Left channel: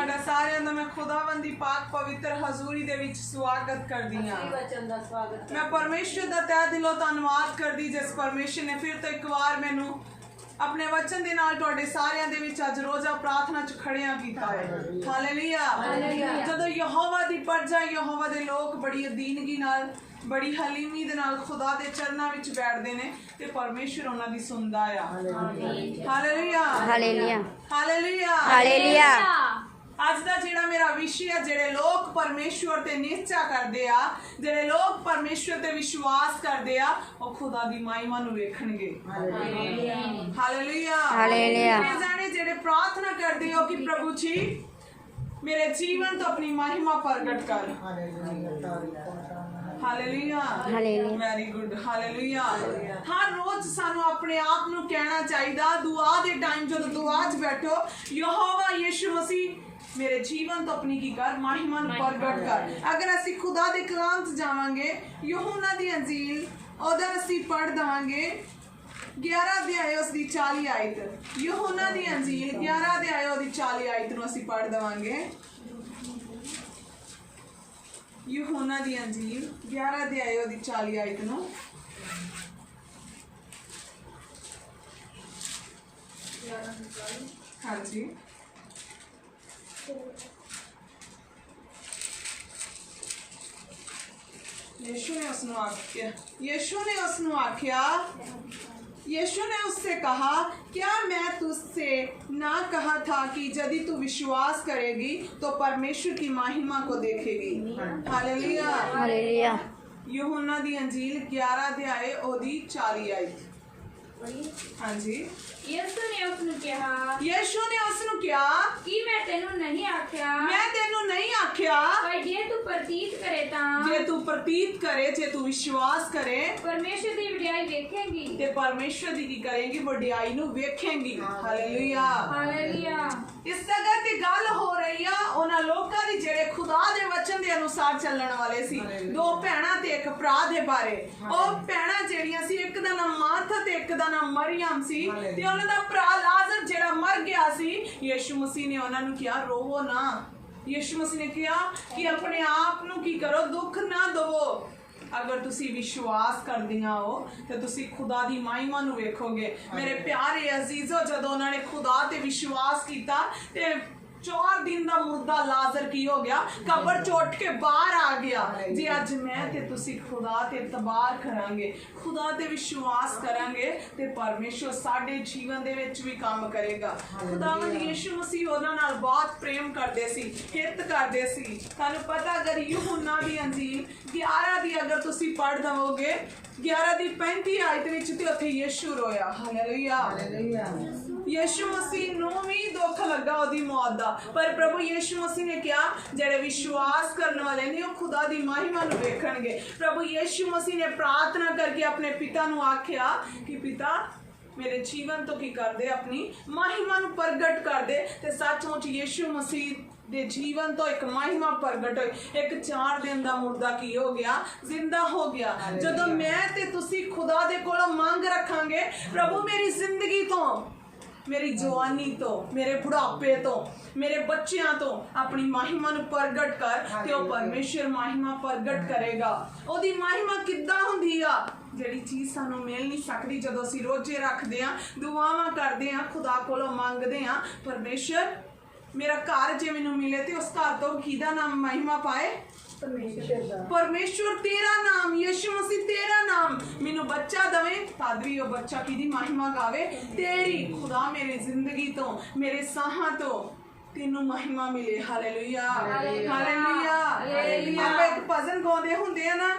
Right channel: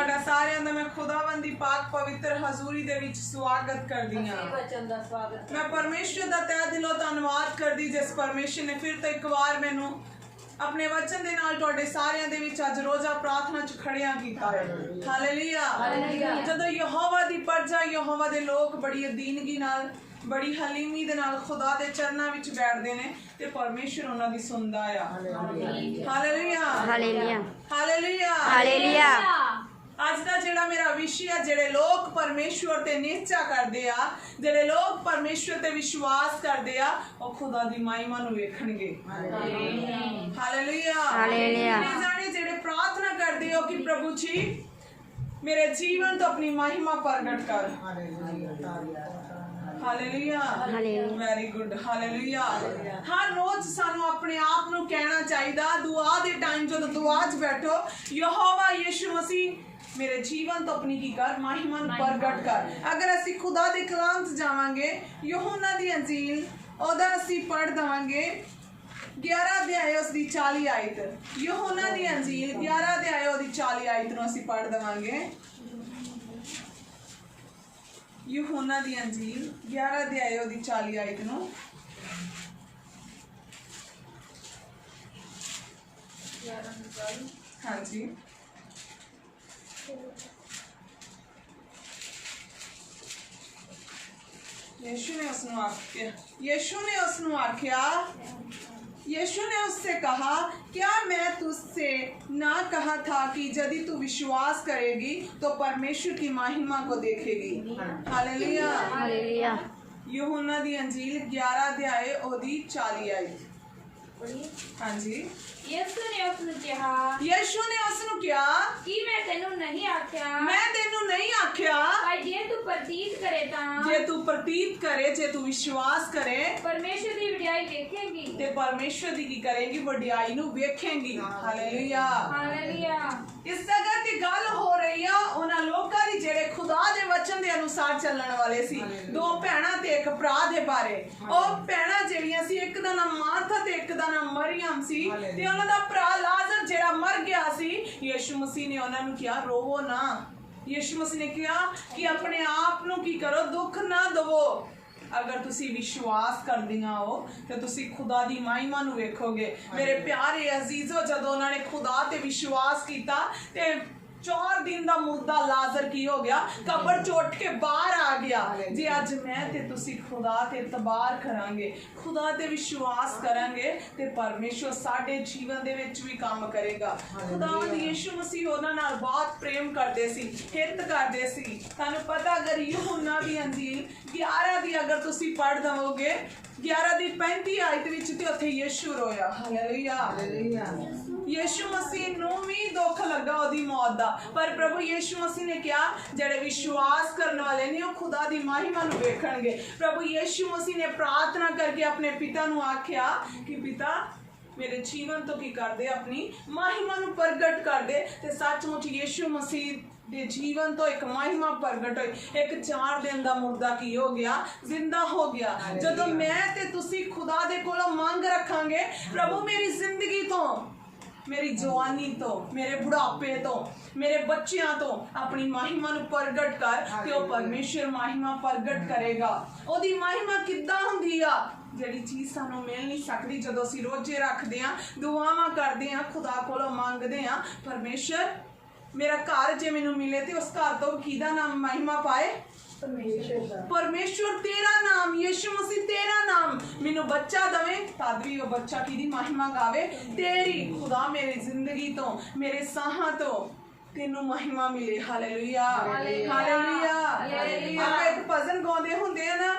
ਤੁਹਾਡਾ ਸਾਰਿਆਂ ਦਾ ਮੈਂ ਖੁਦਾਵੰਦ ਦੀ ਪਾਕ ਪਵਿੱਤਰ ਹਜ਼ੂਰੀ ਦੇ ਵਿੱਚ ਸਵਾਗਤ ਕਰਦੀ ਹਾਂ। ਮੈਂ ਪਰਮੇਸ਼ਰ ਦਾ ਤਹਿ ਦਿਲੋਂ ਧੰਨਵਾਦ ਕਰਦੀ ਜਿਸ ਪਰਮੇਸ਼ਰ ਨੇ ਫਿਰ ਤੋਂ ਇੱਕ ਵਾਰ ਮੈਨੂੰ अपने वचन दे नाल तुहाडे सारियां दे विच अज रोज़ा प्रार्थना च खड़ियां कीता है। हालेलुया। जदों यहोवा दी प्रजा यहोवा दे लोग बड़ी अदीनगी नाल बड़ी हलीमी दे नाल खुदा दे चरनां विच बैठदे ने ते परमेश्वर उन्हां दी सुनदा आ। Hallelujah hallelujah hallelujah hallelujah. अज का जिहड़ा मेरा विषय है, जिहड़े लोग परमेश्वर ते निश्चा करदे आ, जिहड़े लोग परमेश्वर ते विश्वास करदे आ, ओह खुदा दी महिमा नूं वेखणगे। Hallelujah hallelujah. जाने जिहड़े प्रार्थना करदे हो कि प्रभु जी मेरे जीवन तो अपनी महिमा प्रगट कर। Hallelujah very good. हालेलुया। हर रोज सानू अपने आप नूं कहना चाहिए दुआ दे टाइम जदों दुआ च बैठो, यहोवा यीशु मसीह मेरे जीवन तो अपनी की कर महिमा प्रगट कर। अगर असी खुदा दे कलाम च जावांगे, यूहन्ना दी अंजील ओदा असी पढ़ दवांगे 11 अध्याय उसदी 40 आयत। यूहन्ना दी अंजील 11 अध्याय ओदी 40 आयत नूं असी पढ़ दवांगे। यूहन्ना दी अंजील 11 अध्याय ओदी 40 आयत नूं हाँ जी यीशु ने उससे कहा, क्या मैं तुझसे ना कहा था कि यदि तू विश्वास करेगी तो परमेश्वर की महिमा को देखेगी। Hallelujah hallelujah. यूहन्ना दी अंजील 11 अध्याय ओदी 40 आयत। हाँ जी। यीशु ने उसनु कहा कि मैं तेनू नहीं आख्या पर जे तू प्रतीत करे जे तू विश्वास करे परमेश्वर दी वडियाई वेखेगी ते परमेश्वर दी की करेगी वडियाई नू वेखेगी। Hallelujah hallelujah. इस जगह ते गल हो रही है उन्हां लोकां दी जेड़े खुदा दे वचन दे अनुसार चलण वाले सी। दो भैणां ते एक भरा दे बारे। ओ भैणां जेड़ियां सी, एक दा नाम मार्था ते एक दा नाम मरियम सी ते उन्हां दा भरा लाजर जेड़ा मर गया सी। यीशु मसीह ने उन्हां नू कहा रोवो ना। यीशु मसीह ने कहा कि अपने आप नू की करो, दुख ना दवो। अगर तुसी विश्वास करदियां हो तो तुसी खुदा दी महिमा नू वेखोगे। मेरे प्यारे अजीजो, जदों उन्होंने खुदा ते विश्वास किया ते 4 दिन दा मुर्दा लाजर की हो गया, कब्र चोट के बाहर आ गया। जी अज मैं ते तुसी खुदा ते तबार करांगे, खुदा ते विश्वास करांगे ते परमेश्वर साडे जीवन दे विच भी काम करेगा। खुदावंद यीशु मसीह उन्हां नाल बहुत प्रेम करदे सी, हित करदे सी। तुहानू पता अगर यूहन्ना दी अंजील 11 दी अगर तुसी पढ़ दवोगे 11 दी 35 आयत विच ते उत्थे यीशु रोया। हालेलुया। यीशु मसीह नूं भी दुख लगा ओदी मौत दा, पर प्रभु यीशु मसीह ने कहा जेड़े विश्वास करने वाले ने वो खुदा दी महिमा नूं वेखणगे। प्रभु यीशु मसीह ने प्रार्थना करके अपने पिता नूं आख्या कि पिता मेरे जीवन तो की कर दे, अपनी महिमा नूं प्रगट कर दे। ते सचमुच यीशु मसीह दे जीवन तो एक महिमा प्रगट हुई। एक 4 दिन दा मुर्दा की हो गया, जिंदा हो गया। जदों मैं ते तुसी खुदा दे कोलों मंग रखांगे, प्रभु मेरी जिंदगी तो, मेरी जवानी तो, मेरे बुढ़ापे तो, मेरे बच्चियां तो अपनी महिमा नूं प्रगट कर ते ओ परमेश्वर महिमा प्रगट करेगा। ओदी महिमा किद्दां हुंदी आ? जिहड़ी चीज़ सानू मिल नहीं सकती, जदों असीं रोजे रखदे आ, दुआवां करदे आ, खुदा कोलों मंगदे आ, परमेश्वर मेरा घर जे मैनू मिले तो उस घर तो किहदा नाम महिमा पाए? परमेश्वर तेरा नाम, यीशु मसीह तेरा नाम मैनू बच्चा दवे तद भी वो बच्चा किहदी महिमा गावे? तेरी। खुदा मेरी जिंदगी तो, मेरे साहां तो तेनू महिमा मिले। Hallelujah hallelujah. आप एक भजन गाउंदे हुंदे आ ना,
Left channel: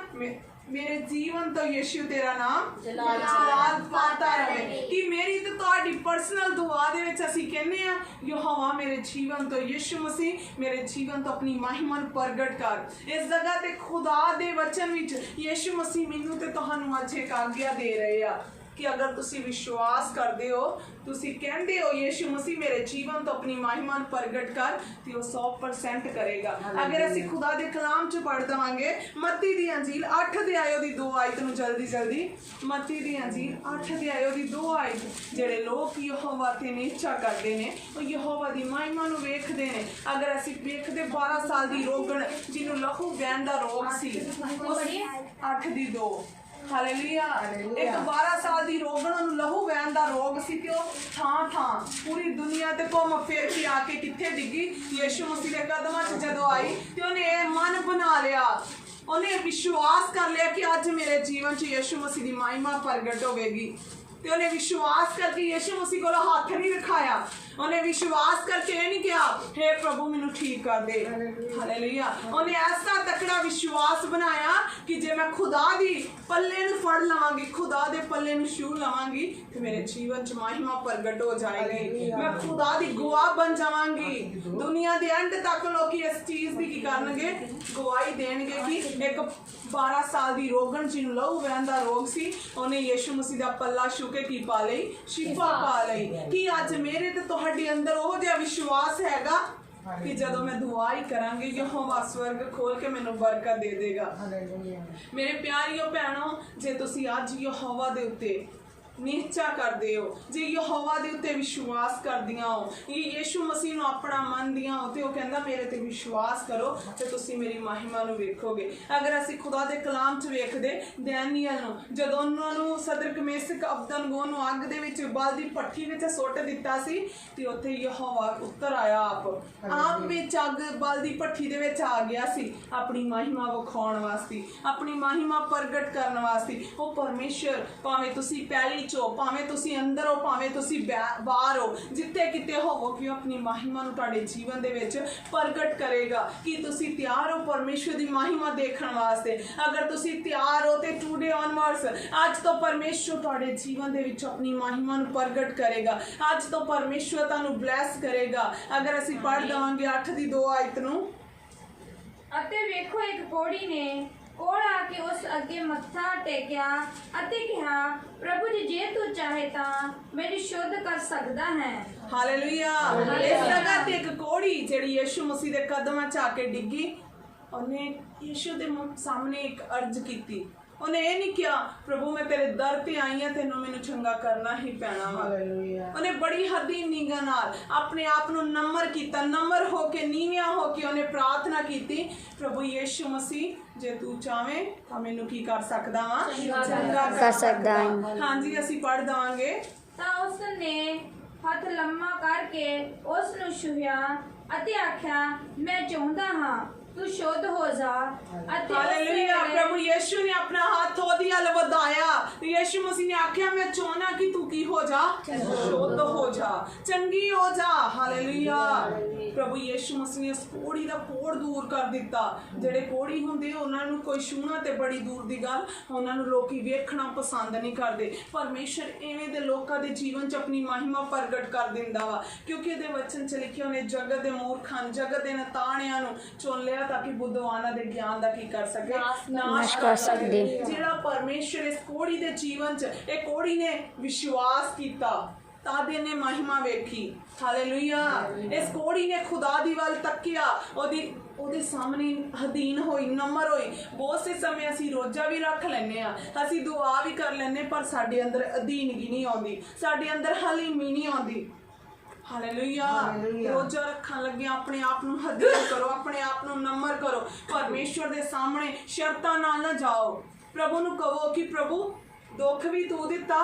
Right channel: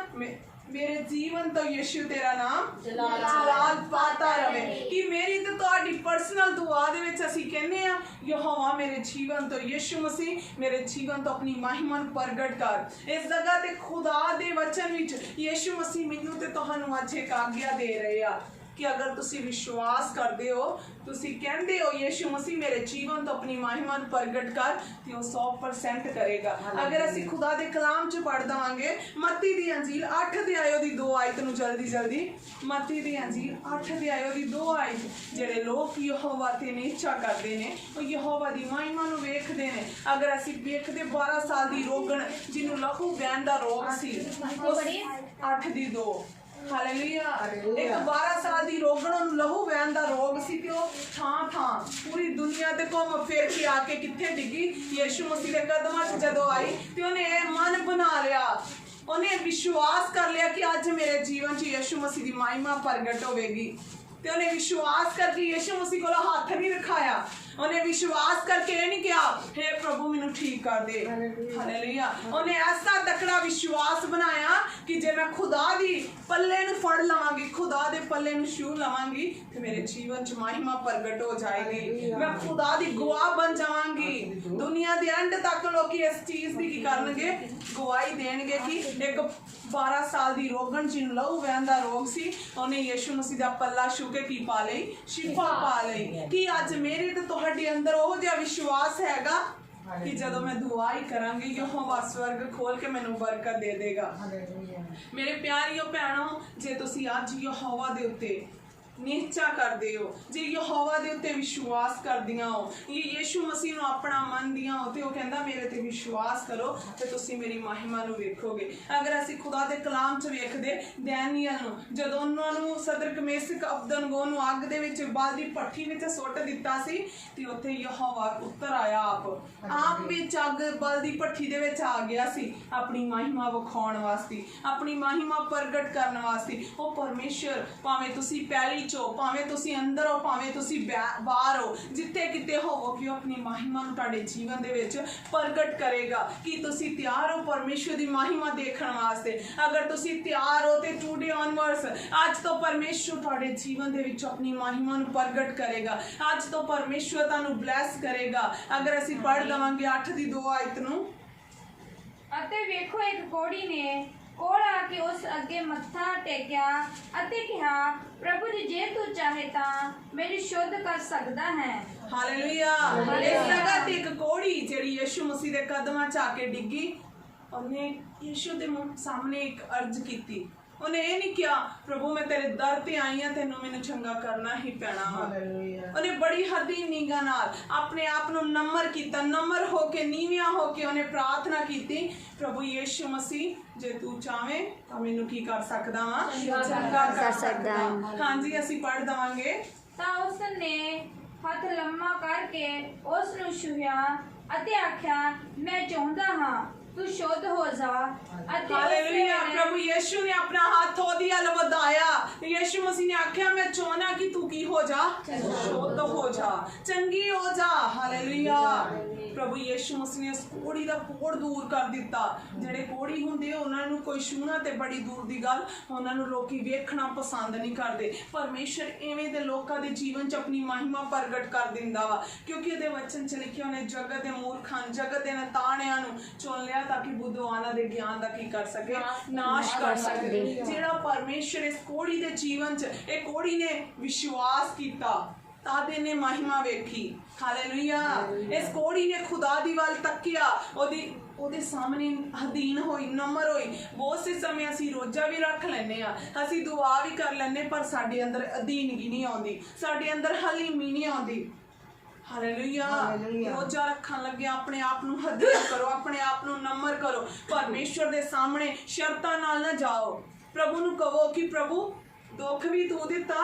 मेरे जीवन तो यीशु तेरा नाम जलाल पाता रहे। कि मेरी तो तुहाडी पर्सनल दुआ दे विच असीं कहने आ यहोवा मेरे जीवन तो यीशु मसीह मेरे जीवन तो अपनी महिमा नूं प्रगट कर। इस जगह ते खुदा दे वचन विच यीशु मसीह मैनू ते तुहानू अज एक आग्ञा दे रहे आ कि अगर तुसी विश्वास करते हो, तुसी कहते हो यीशु मसीह मेरे जीवन तो अपनी महिमा नूं प्रगट कर, तो वो 100% करेगा। अगर असीं खुदा दे कलाम च पढ़ देवांगे, मत्ती दी अंजील 8 अध्याय दी 2 आयत नूं जल्दी जल्दी, मत्ती दी अंजील 8 अध्याय दी 2 आयत, जेड़े लोग यहोवा ते नीचा करदे ने वो यहोवा दी महिमा नूं वेखदे ने। अगर असीं वेखदे 12 साल दी रोगण जिन्हों लहू बहन दा रोग सी, 8 दी 2, हालेलुया। एक 12 साल दी रोगण नूं लहू बहन दा रोग सी ते ओ थां पूरी दुनिया ते घुम फिर के आके कित्थे डिगी, यीशु मसीह दे कदमां च जदों आई ते ओने मन बना लिया, ओने विश्वास कर लिया कि अज मेरे जीवन च यीशु मसीह दी महिमा प्रगट होवेगी। ते उन्हें विश्वास करके यीशु मसीह को हाथ नहीं रखाया, उन्हें विश्वास करके ये नहीं कहा हे प्रभु मैनू ठीक कर दे, हालेलुया। उन्हें ऐसा तकड़ा विश्वास बनाया कि जे मैं खुदा दी पल्ले नूं फड़ लवांगी, खुदा दे पल्ले नूं छू लवांगी तो मेरे जीवन च महिमा प्रगट हो जाएगी, मैं खुदा दी गवाह बन जावांगी। दुनिया दे अंत तक लोग इस चीज़ की करनगे, गवाही देणगे कि एक 12 साल दी रोगण जिन्हों लहू बहन दा रोग सी, उन्हें यीशु मसीह दा पल्ला छू के की पा लई, शिफा पा लई। कि अज मेरे ते तुहाडे अंदर ओह जिहा विश्वास हैगा कि जदों मैं दुआ ही करांगी यहोवा स्वर्ग खोल के मैनू बरकत दे देगा। मेरे प्यारियो भैणों, जे तुसी अज यहोवा दे उत्ते नीचा करदे हो, जे यहोवा दे उत्ते विश्वास करदियां हो, ये यीशु मसीह नूं अपना मनदियां हो, ते ओह कहंदा मेरे ते विश्वास करो ते तुसी मेरी महिमा नूं वेखोगे। अगर असीं खुदा दे कलाम च वेखदे दानियल नूं, जदों उन्हां नूं सदरक मेसक अबदनगो नूं अग दे विच बल दी भट्ठी विच सुੱਟ दित्ता सी ते उत्थे यहोवा उतर आया, आप विच अग बल दी भट्ठी दे विच आ गया सी अपनी महिमा विखाउण वास्ते, अपनी महिमा प्रगट करन वास्ते। ओह परमेश्वर भावें तुसी पैली चो, भावें तुसी अंदर हो, भावें तुसी बाहर हो, जिथे किते होवो कि अपनी महिमा नूं तुहाडे जीवन दे विच प्रगट करेगा। कि तुसी तैयार हो परमेश्वर दी महिमा देखण वास्ते? अगर तुसी तैयार हो ते टुडे ऑनवर्ड्स आज तो परमेश्वर तुहाडे जीवन दे विच अपनी महिमा नूं प्रगट करेगा, आज तो परमेश्वर तुहानूं ब्लैस करेगा। अगर असीं पढ़ दवांगे 8 दी 2 आयत नूं, ਅਤੇ ਵੇਖੋ ਇੱਕ ਕੋੜੀ ਨੇ ਕੋਲ ਆ ਕੇ ਉਸ ਅੱਗੇ ਮੱਥਾ ਟੇਕਿਆ ਅਤੇ ਕਿਹਾ ਪ੍ਰਭੂ ਜੀ ਜੇ ਤੂੰ ਚਾਹੇ ਤਾਂ ਮੈਨੂੰ ਸ਼ੁੱਧ ਕਰ ਸਕਦਾ ਹੈ। ਹਾਲੇਲੂਇਆ। ਇਸ ਜਗ੍ਹਾ ਤੇ ਇੱਕ ਕੋੜੀ ਜਿਹੜੀ ਯीशु ਮਸੀਹ ਦੇ ਕਦਮਾਂ 'ਚ ਆ ਕੇ ਡਿੱਗੀ, ਉਹਨੇ ਯीशु ਦੇ ਸਾਹਮਣੇ ਇੱਕ ਅਰਜ਼ ਕੀਤੀ। ਉਹਨੇ ਇਹ ਨਹੀਂ ਕਿਹਾ ਪ੍ਰਭੂ ਮੈਂ ਤੇਰੇ ਦਰ ਤੇ ਆਈ ਹਾਂ, ਤੈਨੂੰ ਮੈਨੂੰ ਚੰਗਾ ਕਰਨਾ ਹੀ ਪੈਣਾ ਵਾ। ਉਹਨੇ ਬੜੀ ਹੱਦੀ ਨਿਗਾਹ ਨਾਲ ਆਪਣੇ ਆਪ ਨੂੰ ਨਮਰ ਕੀਤਾ, ਨਮਰ ਹੋ ਕੇ ਨੀਵਿਆਂ ਹੋ ਕੇ ਉਹਨੇ ਪ੍ਰਾਰਥਨਾ ਕੀਤੀ ਪ੍ਰਭੂ ਯीशु ਮਸੀਹ ਜੇ ਤੂੰ ਚਾਵੇਂ ਤਾਂ ਮੈਨੂੰ ਕੀ ਕਰ ਸਕਦਾ ਵਾਂ, ਚੰਗਾ ਕਰ ਸਕਦਾ। ਹਾਂਜੀ ਅਸੀਂ ਪੜ੍ਹ ਦਵਾਂਗੇ। ਤਾਂ ਉਸ ਨੇ ਹੱਥ ਲੰਮਾ ਕਰਕੇ ਉਸ ਨੂੰ ਛੂਹਿਆ ਅਤੇ ਆਖਿਆ ਮੈਂ ਚਾਹੁੰਦਾ ਹਾਂ तू शुद्ध हो जा। हालेलुया। प्रभु यीशु ने अपना हाथ ओदी अल वधाया, यीशु मसीह ने आख्या मैं चाहना कि तू की हो जा, शुद्ध हो जा, चंगी हो जा। हालेलुया। प्रभु यीशु मसीह ने उस कोड़ी दा कोड़ दूर कर दिता। जेड़े कोड़ी हुंदे उन्हां नूं कोई छूना ते बड़ी दूर दी गल, उन्हां नूं लोकी वेखना पसंद नहीं करदे। परमेश्वर इवें दे लोकां दे जीवन च अपनी महिमा प्रगट कर दिंदा वा, क्योंकि इहदे वचन च लिखिया ने जगत दे मूर्खां जगत दे ताणियां नूं चुन लिया ताकि बुद्धवाना दे ज्ञान दा की कर सके, नाश कर सके। जेड़ा परमेश्वर इस कोड़ी दे जीवन च एक कोड़ी ने विश्वास कीता तादे ने महिमा वेखी। हालेलुया। इस कोड़ी ने खुदा दी वाल तकिया, ओदे सामने अधीन होई, नम्र होई। बहुत से समय असी रोजा भी रख लैने आ, असी दुआ भी कर लैने, पर साडे अंदर अधीनगी नहीं आउंदी, साडे अंदर हलीमी नहीं आउंदी। हालेलुया। रोजा रखन लगे अपने आप नूं हदीन करो, अपने आप नूं नम्र करो। परमेश्वर दे सामने शर्तां नाल ना जाओ। प्रभु नूं कहो कि प्रभु दुख भी तू दिता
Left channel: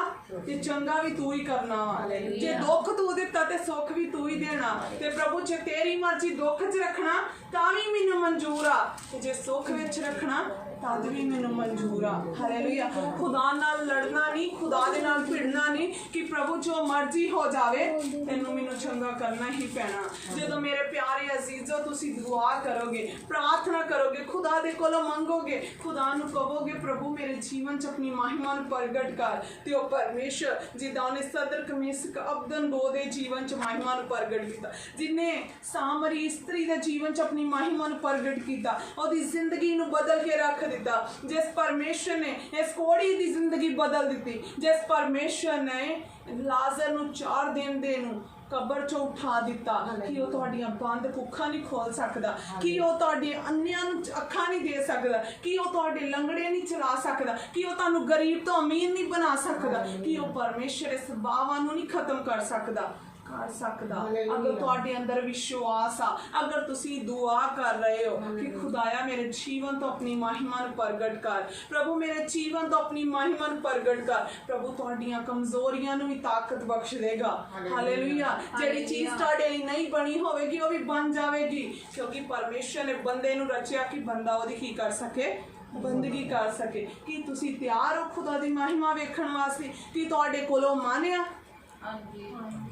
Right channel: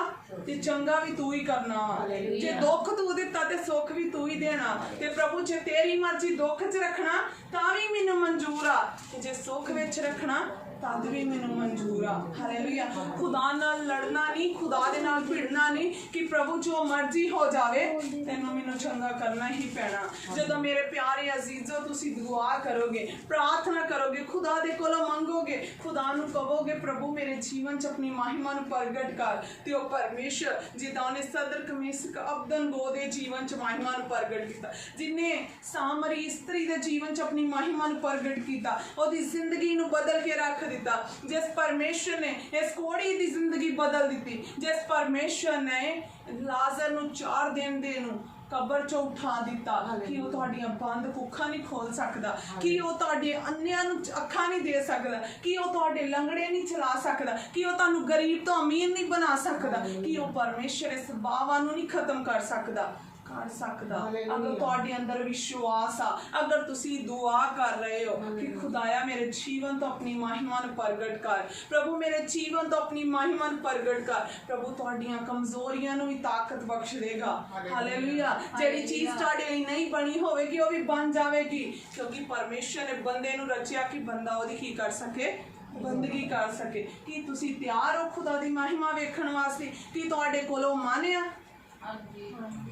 ते चंगा भी तू ही करना, जे दुख तू दिता ते सुख भी तू ही देना। ते प्रभु जे तेरी मर्जी दुख च रखना तां भी मैनूं मंजूर आ, ते जे सुख विच रखना तद भी मैनूं मंजूर आ। हालेलुया। खुदा नाल लड़ना नहीं, खुदा दे नाल भिड़ना नहीं कि प्रभु जो मर्जी हो जावे तैनूं मैनूं चंगा करना ही पैना। जदों मेरे प्यारे अजीजो तुसीं दुआ करोगे, प्रार्थना करोगे, खुदा दे कोलों मंगोगे, खुदा नूं कहोगे प्रभु मेरे जीवन च अपनी महिमा नूं ਪ੍ਰਗਟ ਕਰ ਤੇ ਉਹ ਪਰਮੇਸ਼ਰ ਜਿੱਦਾਂ ਉਹਨੇ ਸਦਰ ਕਮੀਸਕ ਅਬਦਨ ਬੋ ਦੇ ਜੀਵਨ ਚ ਮਹਿਮਾ ਨੂੰ ਪ੍ਰਗਟ ਕੀਤਾ, ਜਿਨੇ ਸਾਮਰੀ ਇਸਤਰੀ ਦੇ ਜੀਵਨ ਚ ਆਪਣੀ ਮਹਿਮਾ ਨੂੰ ਪ੍ਰਗਟ ਕੀਤਾ, ਉਹਦੀ ਜ਼ਿੰਦਗੀ ਨੂੰ ਬਦਲ ਕੇ ਰੱਖ ਦਿੱਤਾ। ਜਿਸ ਪਰਮੇਸ਼ਰ ਨੇ ਇਸ ਕੋੜੀ ਦੀ ਜ਼ਿੰਦਗੀ ਬਦਲ ਦਿੱਤੀ, ਜਿਸ ਪਰਮੇਸ਼ਰ ਨੇ ਲਾਜ਼ਰ ਨੂੰ 4 ਦਿਨ ਦੇ ਨੂੰ ਕਬਰ ਚੋਂ ਉਠਾ ਦਿੱਤਾ, ਕਿ ਉਹ ਤੁਹਾਡੀਆਂ ਬੰਦ ਕੁੱਖਾਂ ਨਹੀਂ ਖੋਲ ਸਕਦਾ, ਕਿ ਉਹ ਤੁਹਾਡੇ ਅੰਨਿਆਂ ਨੂੰ ਅੱਖਾਂ ਨਹੀਂ ਦੇ ਸਕਦਾ, ਕਿ ਉਹ ਤੁਹਾਡੇ ਲੰਗੜੇ ਨਹੀਂ ਚਲਾ ਸਕਦਾ, ਕਿ ਉਹ ਤੁਹਾਨੂੰ ਗਰੀਬ ਤੋਂ ਅਮੀਰ ਨਹੀਂ ਬਣਾ ਸਕਦਾ, ਕਿ ਉਹ ਪਰਮੇਸ਼ਰ ਇਸ ਬਾਵਾਂ ਨੂੰ ਨਹੀਂ ਖਤਮ ਕਰ ਸਕਦਾ। ਅਗਰ ਤੁਹਾਡੇ ਅੰਦਰ ਵਿਸ਼ਵਾਸ ਆ, ਅਗਰ ਤੁਸੀਂ ਦੁਆ ਕਰ ਰਹੇ ਹੋ ਕਿ ਖੁਦਾਇਆ ਮੇਰੇ ਜੀਵਨ ਤੋਂ ਆਪਣੀ ਮਹਿਮਾ ਨੂੰ ਪ੍ਰਗਟ ਕਰ, ਪ੍ਰਭੂ ਮੇਰੇ ਜੀਵਨ ਤੋਂ ਆਪਣੀ ਮਹਿਮਾ ਨੂੰ ਪ੍ਰਗਟ ਕਰ, ਪ੍ਰਭੂ ਤੁਹਾਡੀਆਂ ਕਮਜ਼ੋਰੀਆਂ ਨੂੰ ਵੀ ਤਾਕਤ ਬਖਸ਼ ਦੇਗਾ। ਹਾਲੇਲੂਇਆ। ਜਿਹੜੀ ਚੀਜ਼ ਤੁਹਾਡੇ ਲਈ ਨਹੀਂ ਬਣੀ ਹੋਵੇਗੀ ਉਹ ਵੀ ਬਣ ਜਾਵੇਗੀ, ਕਿਉਂਕਿ ਪਰਮੇਸ਼ਰ ਨੇ ਬੰਦੇ ਨੂੰ ਰਚਿਆ ਕਿ ਬੰਦਾ ਉਹਦੀ ਕੀ ਕਰ ਸਕੇ, ਬੰਦਗੀ ਕਰ ਸਕੇ। ਕੀ ਤੁਸੀਂ ਤਿਆਰ ਹੋ ਖੁਦਾ ਦੀ ਮਹਿਮਾ ਵੇਖਣ ਵਾਸਤੇ? ਕੀ ਤੁਹਾਡੇ ਕੋਲੋਂ ਮਨ ਆ?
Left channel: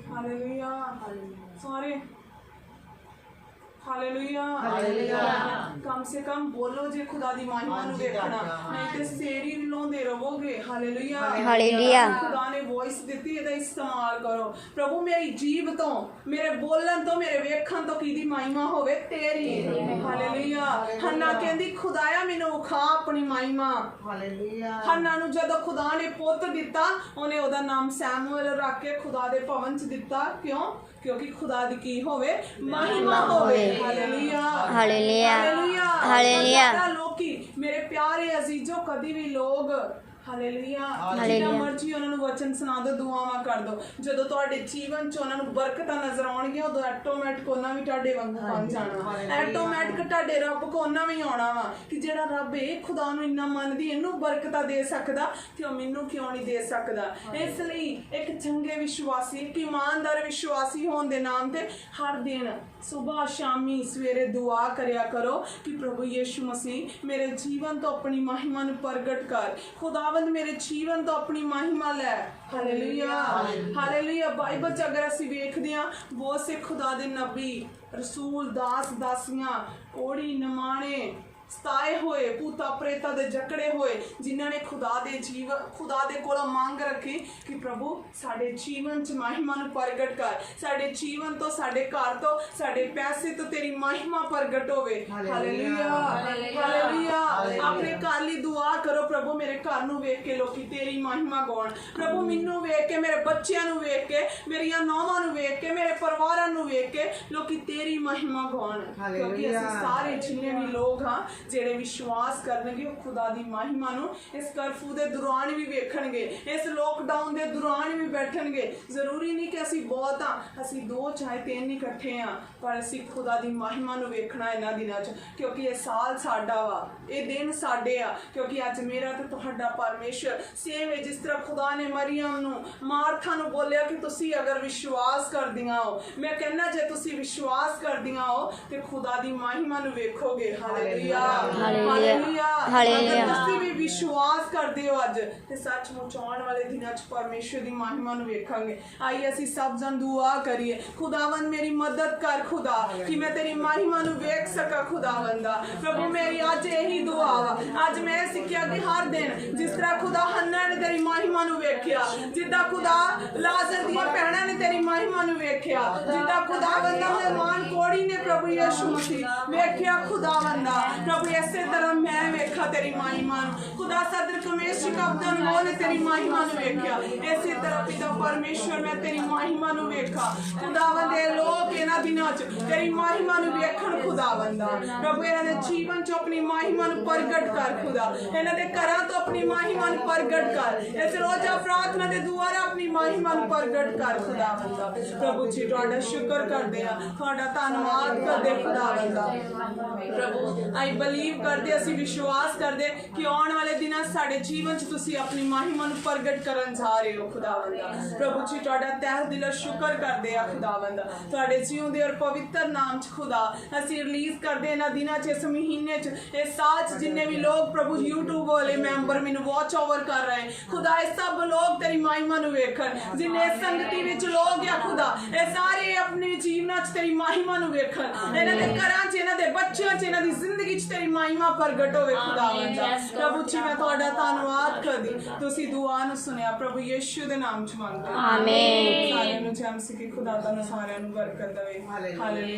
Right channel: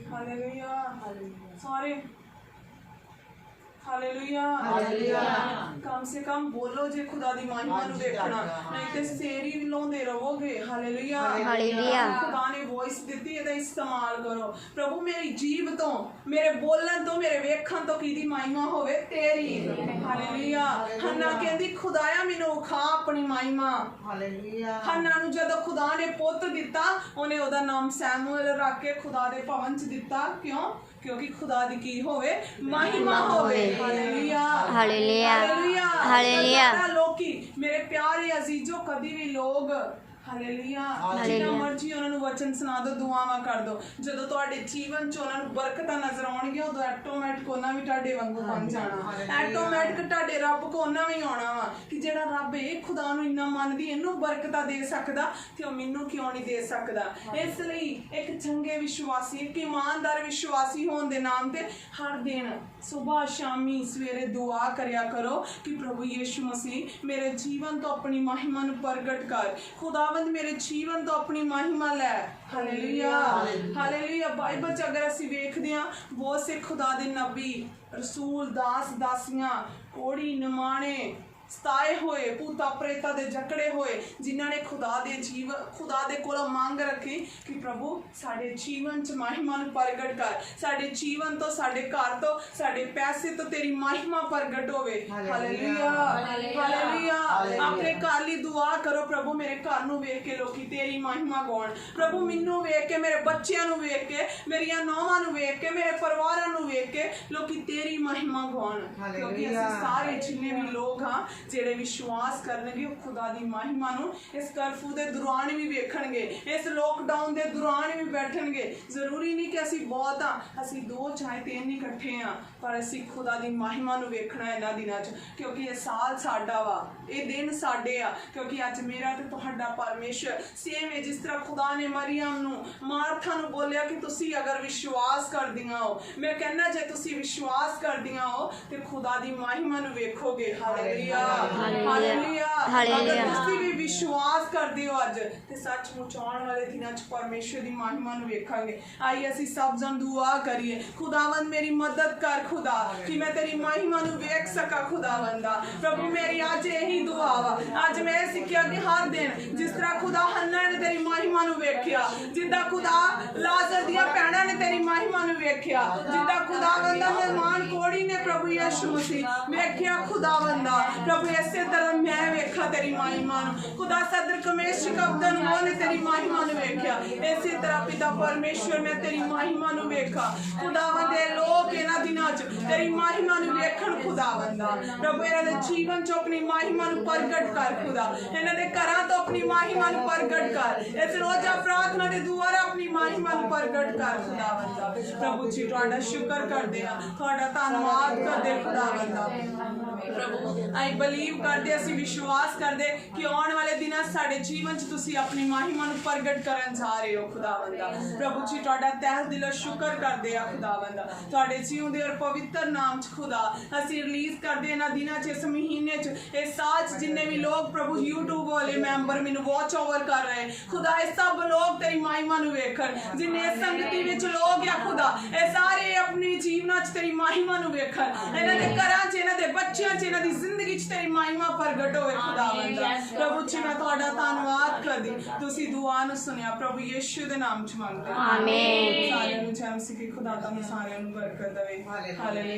ਹਾਲੇਲੂਇਆ। ਸਾਰੇ ਹਾਲੇਲੂਇਆ। ਕਮ ਸੇ ਕਮ ਬੋਲੋ ਜੇ ਖੁਦਾ ਦੀ ਮਹਿਮਾ ਨੂੰ ਵੇਖਣਾ, ਨਹੀਂ ਤੇ ਸੇਰੀ ਲਾਉਂਦੇ ਰਹੋਗੇ। ਹਾਲੇਲੂਇਆ। ਖੁਦਾ ਨੇ ਵੌਇਸ ਦਿੱਤੀ, ਇਹਦਾ ਇਸਤੇਮਾਲ ਕਰੋ। ਪ੍ਰਭੂ ਮੇਰੀ ਜੀਭ ਤੋਂ, ਮੇਰੇ ਬੋਲਣ ਤੋਂ, ਮੇਰੇ ਵੇਖਣ ਤੋਂ ਕਿਹਦੀ ਮਹਿਮਾ ਹੋਵੇ? ਤੇਰੀ। ਹਾਲੇਲੂਇਆ। ਹੰਨਾ ਕਹਿੰਦੀ ਖੁਦਾਇਆ ਮੈਨੂੰ ਵਿਖਾ ਆਪਣੀ ਮਹਿਮਾ। ਹਾਲੇਲੂਇਆ। ਹੰਨਾ ਨੂੰ ਜਦੋਂ ਖੁਦਾ ਨੇ ਪੁੱਤ ਦਿੱਤਾ, ਉਹਨੇ ਉਹਦਾ ਨਾਮ ਸੈਮੂਅਲ ਰੱਖ ਕੇ ਖੁਦਾ ਦੇ ਭਵਨ ਚ ਦਿੱਤਾ। ਕਿਉਂ? ਕਿਉਂਕਿ ਖੁਦਾ ਦੀ ਕੀ ਹੋਵੇ? ਮਹਿਮਾ ਹੋਵੇ। ਹਾਲੇਲੂਇਆ। ਹਾਲੇਲੂਇਆ। ਹਾਲੇਲੂਇਆ। ਲੋਕੀ ਮੇਰੇ ਪਿਆਰੇ ਅਜ਼ੀਜ਼ੋ, ਕਦੀ ਵੀ ਲੋਗ ਹਾਲੇਲੂਇਆ ਜਿੰਨਾ ਮਰਜ਼ੀ ਉਹਨਾਂ ਨੂੰ ਵਚਨ ਸੁਣਾ ਦਿਓ, ਦੁਆਵਾਂ ਕਰ ਦਿਓ, ਜਦੋਂ ਤੁਹਾਡੇ ਜੀਵਨ 'ਚ ਉਹਨਾਂ ਨੂੰ ਬਰਕਤਾਂ ਨਜ਼ਰ ਆਉਣਗੀਆਂ, ਉਦੋਂ ਆਟੋਮੈਟਿਕ ਉਹਨਾਂ ਵੀ ਤੁਹਾਡੇ ਵਾਂਗੂ ਬਣ ਜਾਣਾ। ਆਟੋਮੈਟਿਕ ਤੁਹਾਡੇ ਰੱਬ ਕੋ ਉਹਨਾਂ ਵੀ ਆਉਣਾ ਵਾ ਕਿ ਜਿਹੜਾ ਰੱਬ ਇਹ ਖੁਦਾ ਨੂੰ ਇੰਨਾ ਮੰਨਦੀ, ਇਹਨੂੰ ਬਰਕਤਾਂ ਦੇ ਸਕਦਾ, ਤੇ ਉਹ ਮੈਨੂੰ ਕਿਉਂ ਨਹੀਂ ਦੇ ਸਕਦਾ? ਇਸ ਲਈ ਇੱਕ ਚੰਗੇ ਵਿਸ਼ਵਾਸੀ, ਇੱਕ ਇਮਾਨਦਾਰ ਵਿਸ਼ਵਾਸੀ ਹੋਣ ਦੇ ਨਾਮ ਤੇ ਹਰ ਦਿਨ ਸੁਬਾਹ ਸ਼ਾਮੀ ਸਵੇਰੇ ਦੁਆ ਕਰਿਆ ਕਰੋ ਕਿ ਪ੍ਰਭੂ ਯਿਸੂ ਮਸੀਹ ਮੇਰੇ ਜੀਵਨ ਤੋਂ ਆਪਣੀ ਮਹਿਮਾ ਨੂੰ ਪ੍ਰਗਟ ਕਰ, ਖੁਦਾਵੰਦ ਮੇਰੇ ਜੀਵਨ ਤੋਂ ਆਪਣੀ ਮਹਿਮਾ ਲੈ। ਹਾਲੇਲੂਇਆ। ਹਾਲੇਲੂਇਆ। ਬਾਈਬਲ 'ਚ ਅਗਰ ਅਸੀਂ ਵੇਖਦੇ ਹਾਂ, ਬਹੁਤ ਸੇ ਖੁਦਾ ਦੇ ਨਬੀ, ਰਸੂਲ, ਦਾਸ ਦਾਸੀਆਂ, ਕੋੜੀ ਨਿਮਾਣੇ, ਸਤਾਏ ਹੋਏ, ਭੂਤਾਂ ਪ੍ਰੇਤਾਂ ਦੇ ਜਕੜੇ ਹੋਏ, ਜਿਨ੍ਹਾਂ ਨੇ ਖੁਦਾ ਦੇ ਕੋਲੋਂ ਮੰਗ ਰੱਖੀ ਕਿ ਪ੍ਰਭੂ ਸਾਡੇ ਜੀਵਨ 'ਚ ਮਹਿਮਾ ਨੂੰ ਪ੍ਰਗਟ ਕਰ, ਸਾਡੇ ਜੀਵਨ ਤੋਂ, ਸਾਡੇ ਘਰ ਤੋਂ, ਸਾਡੇ ਪੈਸੇ ਤੋਂ ਤੇਰੀ ਮਹਿਮਾ ਪ੍ਰਗਟ ਹੋਵੇ। ਹਾਲੇਲੂਇਆ। ਹਾਲੇਲੂਇਆ। ਆਪਣੇ ਘਰ ਲਈ ਦੁਆ ਕਰੋ, ਪ੍ਰਭੂ ਮੇਰੇ ਘਰ ਨੂੰ ਵੇਖ ਕੇ ਲੋਕੀ ਤੇਰੀ ਮਹਿਮਾ ਗਾਉਣ, ਪ੍ਰਭੂ ਮੈਨੂੰ ਵੇਖ ਕੇ, ਮੇਰੇ ਬੱਚਿਆਂ ਨੂੰ ਵੇਖ ਕੇ, ਮੇਰੀਆਂ ਨੌਵਾਂ ਨੂੰ ਵੇਖ ਕੇ, ਮੇਰੇ ਪਰਿਵਾਰਾਂ ਨੂੰ ਵੇਖ ਕੇ ਲੋਕੀ ਤੇਰੀ ਮਹਿਮਾ ਗਾਉਣ, ਕਿਉਂਕਿ ਅਸੀਂ ਸਾਰੇ ਜਿੰਨੇ ਵੀ ਲੋਕ ਹਾਂ ਜਿਹੜੇ ਵਿਸ਼ਵਾਸ ਕਰਨਗੇ, ਉਹ ਖੁਦਾ ਦੀ ਮਹਿਮਾ ਨੂੰ ਇਸ ਕਰਫਿਊ ਦੇ ਦੌਰਾਨ ਵੀ ਵੇਖਣਗੇ, ਇਸ ਲੋਕਡਾਊਨ ਦੇ ਦੌਰਾਨ ਵੀ ਬੈਠਣਗੇ। ਜ਼ਰੂਰੀ ਨਹੀਂ ਕਿ ਅਸੀਂ ਬਹੁਤ ਹਾਂ, ਅਸੀਂ 2 ਚਾਹੇ 3 ਇਕੱਠੇ ਹਾਂ, ਪਰ ਅਸੀਂ ਖੁਦਾ ਦੀ ਮਹਿਮਾ ਨੂੰ ਵੇਖਣਾ ਇਹਨਾਂ ਦਿਨਾਂ 'ਚ, ਕਿਉਂਕਿ ਇਹ ਸਾਲ ਸਾਡਾ ਵਾ, ਇਹ ਦਿਨ ਸਾਡੇ ਆ, ਕਿਉਂਕਿ ਅੱਜ ਮੇਰਾ ਤੇ ਤੁਹਾਡਾ ਪਰਮੇਸ਼ਰ ਸੇਮ ਹੈ। ਜਿਸ ਤਰ੍ਹਾਂ ਖੁਦਾ ਨੇ ਮਰੀਅਮ ਨੂੰ, ਮਾਰਥਾ ਨੂੰ ਬੋਲਿਆ ਕਿ ਤੁਸੀਂ ਅਗਰ ਵਿਸ਼ਵਾਸ ਕਰਦੀਆਂ ਹੋ, ਮੈਂ ਕਹਿੰਦਾ ਜੇ ਤੁਸੀਂ ਵਿਸ਼ਵਾਸ ਕਰਦੀਆਂ ਹੋ ਤੇ ਖੁਦਾ ਦੀ ਮਹਿਮਾ ਨੂੰ ਵੇਖੋਗੇ। ਹਾਲੇਲੂਇਆ। ਹਾਲੇਲੂਇਆ। ਅਗਰ ਤੁਸੀਂ ਵੀ ਵਿਸ਼ਵਾਸ ਕਰਦੇ ਹੋ ਅੱਜ, ਤੇ ਸੱਚਮੁੱਚ ਆਉਣ ਵਾਲੇ ਦਿਨਾਂ 'ਚ ਪਰਮੇਸ਼ਰ ਦੀ ਮਹਿਮਾ ਨੂੰ ਵੇਖਾਂਗੇ। ਆਈ ਅਸੀਂ ਸਭ ਜਨ ਦੁਆ ਕਰੀਏ, ਖੁਦਾਵੰਦ ਮੇਰੀ ਮਦਦ ਕਰ ਖੁਦਾ, ਕਿ ਮੈਂ ਤੇਰੀ ਮਹਿਮਾ ਨੂੰ ਵੇਖ ਸਕਾਂ। ਖੁਦਾਵੰਦਾ ਪ੍ਰਭੂ ਮੇਰੀ ਅੱਜ ਇਹੀ ਦੁਆ ਵਾ। ਅੱਜ ਮੈਂ ਸਿੱਖਿਆ ਕਿ ਹਰ ਦਿਨ ਜਿਸ ਤਰ੍ਹਾਂ ਖੁਦਾ ਹੰਨਾ ਨੇ ਤੇਰੀ ਮਹਿਮਾ ਨੂੰ ਵੇਖਿਆ, ਜਿੱਦਾਂ ਖੁਦਾ ਲਾਜ਼ਰ ਦੀਆਂ ਭੈਣਾਂ ਨੇ ਤੇਰੀ ਮਹਿਮਾ ਨੂੰ ਵੇਖਿਆ, ਜਿੱਦਾਂ ਖੁਦਾਵੰਦਾ ਮਹਿਮਾਨ ਕੋੜੀ ਨੇ ਪ੍ਰਭੂ ਯਿਸੂ ਮਸੀਹ ਵੇਖਿਆ, ਖੁਦਾਵੰਦਾ ਪ੍ਰਭੂ ਇਸੇ ਤਰ੍ਹਾਂ ਮੈਂ ਵੇਖਾ ਤੇਰੀ ਮਹਿਮਾ ਨੂੰ। ਖੁਦਾ ਸਦਰ ਕਮੇਸ਼ਕ ਅਬਦਨ ਨੇ ਤੇਰੀ ਮਹਿਮਾ ਨੂੰ ਵੇਖਿਆ, ਇਸੇ ਤਰ੍ਹਾਂ ਪਿਤਾ ਪਰਮੇਸ਼ਵਰ ਮੈਂ ਤੇਰੀ ਮਹਿਮਾ ਨੂੰ ਵੇਖਾ। ਖੁਦਾਵੰਦ ਇਹ ਲੋਕ ਇਹਨਾਂ ਦਿਨਾਂ 'ਚ ਤੇਰੀ ਮਹਿਮਾ ਨੂੰ ਵੇਖਣ। ਖੁਦਾਵੰਦਾ ਪ੍ਰਭੂ ਇਹਨਾਂ ਦੇ ਜੀਵਨ 'ਚ ਆਪਣੀ ਮਹਿਮਾ ਨੂੰ ਪ੍ਰਗਟ ਕਰ। ਖੁਦਾ ਇਹਨਾਂ ਦੇ ਘਰਾਂ ਤੋਂ ਆਪਣੀ ਮਹਿਮਾ ਨੂੰ ਪ੍ਰਗਟ ਕਰ। ਇਸ ਰੋਜ਼ਾ ਪ੍ਰਾਰਥਨਾ ਦੇ ਦੁਆਰਾ ਆਪਣੀ ਮਹਿਮਾ ਨੂੰ ਪ੍ਰਗਟ ਕਰ। ਖੁਦਾਵੰਦਾ ਪ੍ਰਭੂ ਜੀ ਤੁਹਾਡਾ ਸ਼ੁਕਰ ਕਰਦੇ ਆ, ਤੁਹਾਡਾ ਧੰਨਵਾਦ ਕਰਦੇ ਖੁਦਾਵੰਦਾ। ਪ੍ਰਭੂ ਆਈ ਬਲੀਵ ਕਰਦੇ, ਅਸੀਂ ਵਿਸ਼ਵਾਸ ਕਰਦੇ ਕਿ ਆਉਣ ਵਾਲੇ ਦਿਨਾਂ ਸਾਡੇ ਜੀਵਨ 'ਚ ਤੁਸੀਂ ਆਪਣੀ ਮਹਿਮਾ ਨੂੰ ਪ੍ਰਗਟ ਕਰਨ ਜਾ ਰਹੇ ਹੋ। ਖੁਦਾਵੰਦਾ ਪ੍ਰਭੂ ਜੀ ਤੁਹਾਡਾ ਤਹਿ ਦਿਲੋਂ ਸ਼ੁਕਰ ਕਰਦੇ ਆ। ਖੁਦਾਵੰਦਾ ਤੁਹਾਡੇ ਜਿਉਂਦੇ ਔਰ ਪਵਿੱਤਰ ਨਾਮ 'ਚ ਖੁਦਾ ਅਸੀਂ ਰਿਲੀਜ਼ ਕਰਦੇ ਇਹਨਾਂ ਦਿਨਾਂ 'ਚ, ਇਸ ਮਹੀਨੇ 'ਚ, ਇਸ ਸਾਲ 'ਚ ਜਿੰਨੇ ਵੀ ਲੋਕ ਪ੍ਰਭੂ YouTube ਵਾਲੇ ਮੈਂਬਰ ਮੈਨੂੰ ਵਾਚ ਓਵਰ ਕਰ ਰਹੇ, ਖੁਦਾ ਇਹ ਸਭ ਲੋਕ ਤੇਰੀ ਮਹਿਮਾ ਨੂੰ ਵੇਖਣ। ਜਿੰਨੇ ਸੰਗਤੀ ਵਿੱਚ ਲੋਕ ਆ ਖੁਦਾ, ਇਹ ਸਾਰੇ ਆਪਣੇ ਜੀਵਨਾਂ 'ਚ ਤੇਰੀ ਮਹਿਮਾ ਨੂੰ ਵੇਖਣ। ਇਹਨਾਂ ਦੇ ਘਰਾਂ 'ਚ, ਇਹਨਾਂ ਦੇ ਬੱਚਿਆਂ 'ਚ, ਇਹਨਾਂ ਦੀ ਜ਼ਿੰਦਗੀ 'ਚ ਤੇਰੀ ਮਹਿਮਾ ਪ੍ਰਗਟ ਹੋਵੇ ਖੁਦਾਵੰਦ ਦਾ। ਪ੍ਰਭੂ ਜੀ ਮੈਂ ਤੁਹਾਡਾ ਧੰਨਵਾਦ ਕਰਦੀ, ਤੁਸੀਂ ਦੁਆ ਨੂੰ ਸੁਣਿਆ ਪ੍ਰਭੂ ਯਿਸੂ ਦੇ ਨਾਮ ਚ ਮੰਗਦੇ ਹਾਂ। ਆਮੀਨ। ਸਾਰਿਆਂ ਨੂੰ ਜੈ ਮਸੀਹ ਕੀ ਖੁਦਾ ਤੁਹਾਨੂੰ ਸਾਰਿਆਂ ਨੂੰ ਬਰਕਤ ਦੇਵੇ। ਹਾਲੇਲੂਇਆ।